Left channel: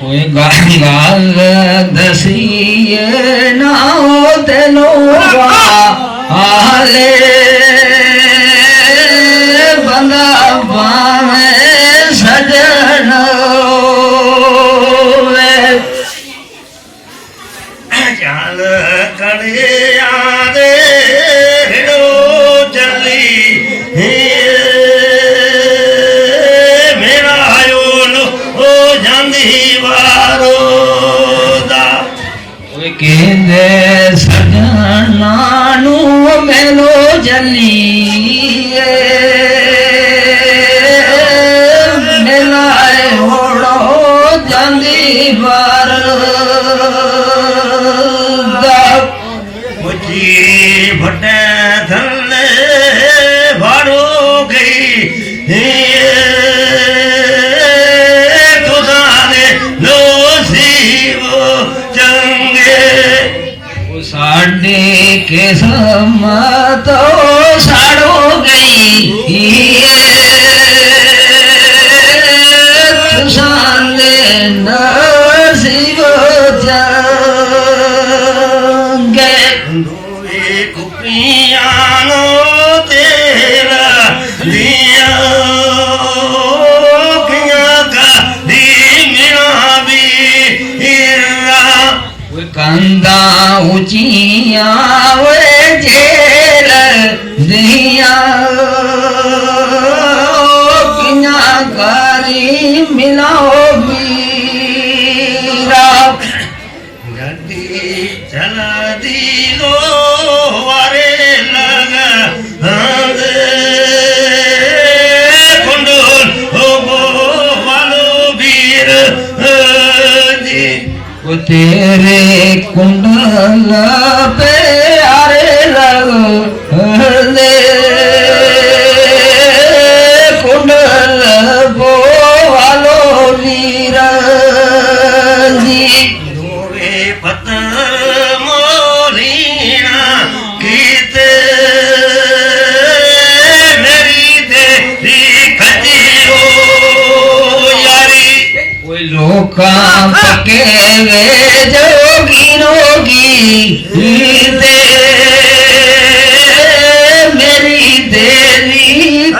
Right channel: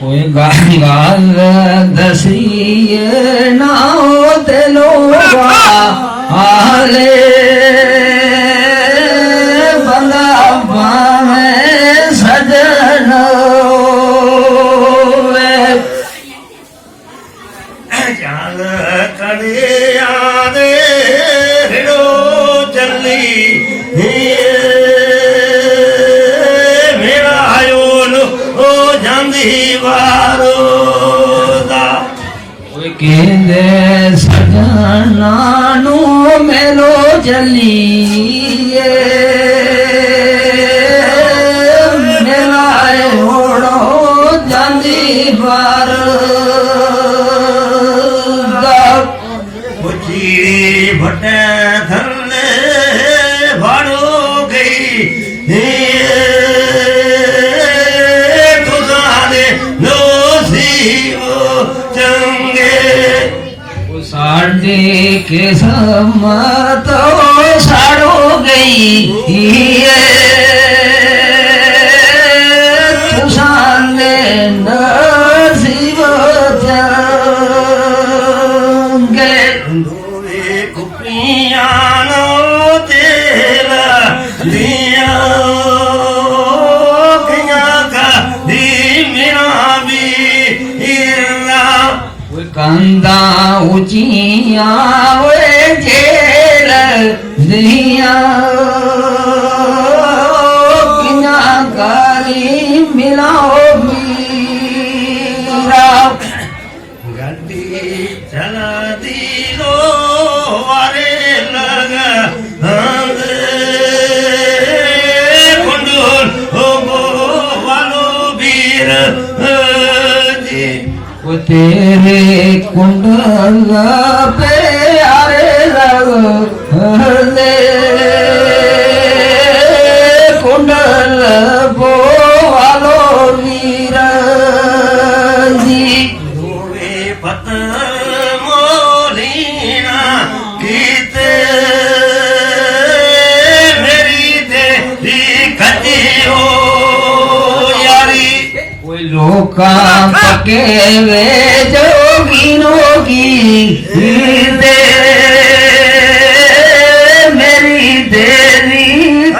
कोई गाल दसिए ना ते लोगा आले बंदा पावे सजनो जाल करे आदे हिड़ो चली मेरा आयोन ओ जांदी वारो दा केंदे सजना नू मेलो जलिए मेलाए होड़ो जांदी बार मुझी भटे थले भाड़ो गई तुझाने लो सीवो चंगे साढ़े के सम्मत साड़ो गई तुझाने नसीब चंगे दोवे कुपियानो तेरा लिया किया का दी मेरा वीरा कंदा ऊंचिया वे जेल जिया किना कारी मिलाओ मीरा गड्डी चला दी लो वारे लगा कुंडल हो वालो वीर जी वो तेरे कुंडल पे आरे लगे कुंडल बो वालो वीरा जी दोवे पत्थर मोलीना कीते मेरी तेरी खती हो यारी कोई लोका पके वे जोगी रोगी दे मेरी देरी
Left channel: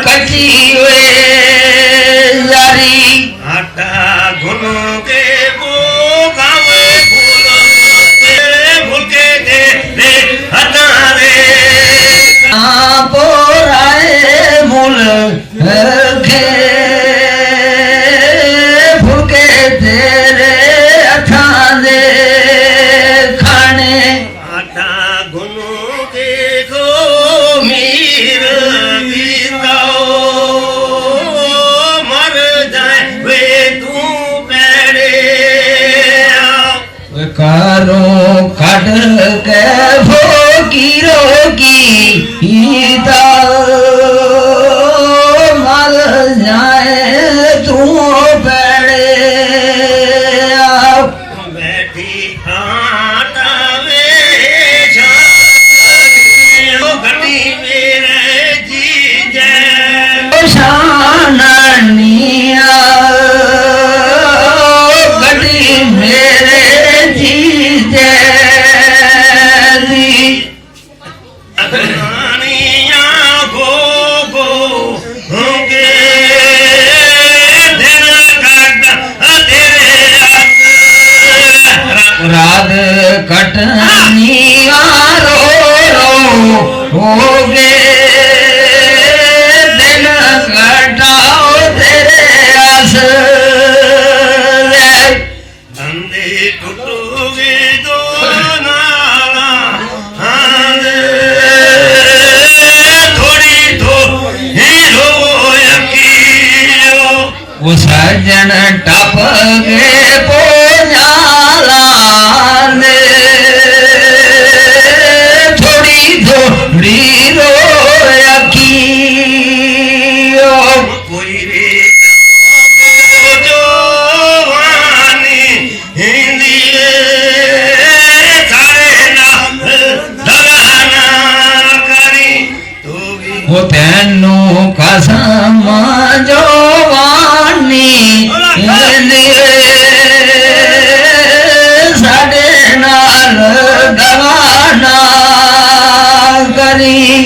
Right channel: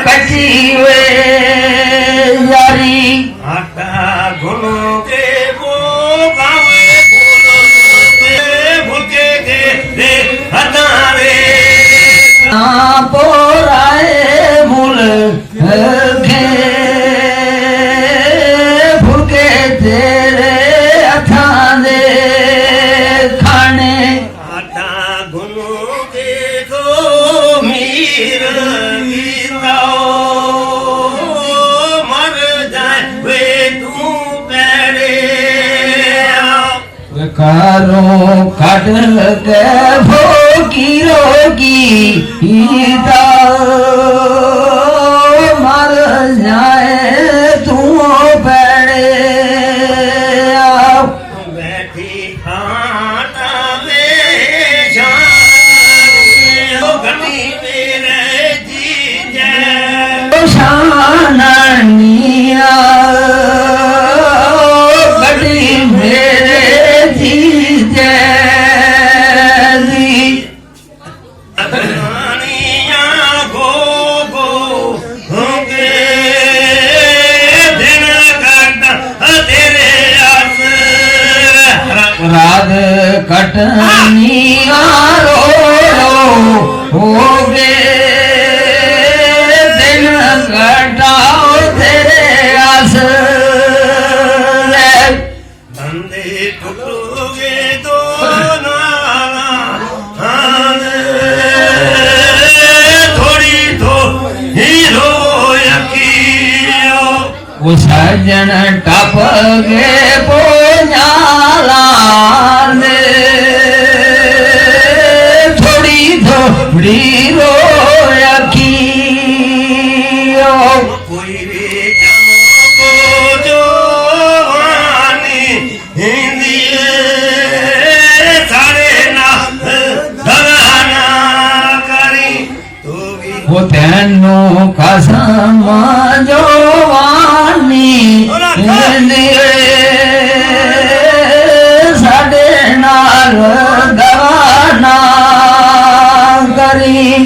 कटी वे यारी आटा गुनो के वो गावे फूल तेरे भूखे दे दे हटारे पोराए मुल खे फुलके तेरे अठाने खाने आटा गुनो देखो मीर वीराओ मर जाए वे तू पैरे कारो काट के भोगी रोगी ईदा मर जाए तू बड़े बैठी आटा वे जाओ गड्डी मेरे जी जय शानिया गड्डी मेरे जी जैदी अगनानिया गो गो होंगे दिन काटा तेरे हाथ रात कटनी रो हो गे दिन कटाओ तेरे आस अंधे टूटोगे दो नाला थोड़ी तो हीरो यकीनो वो सजन टप गे पोजाला ने थोड़ी थोड़ी रो यकीनो कोई रे को जो वानी हिंदी सारे ना दगाना करी तो भी वो तेनू कसम जो वानी ਨੀ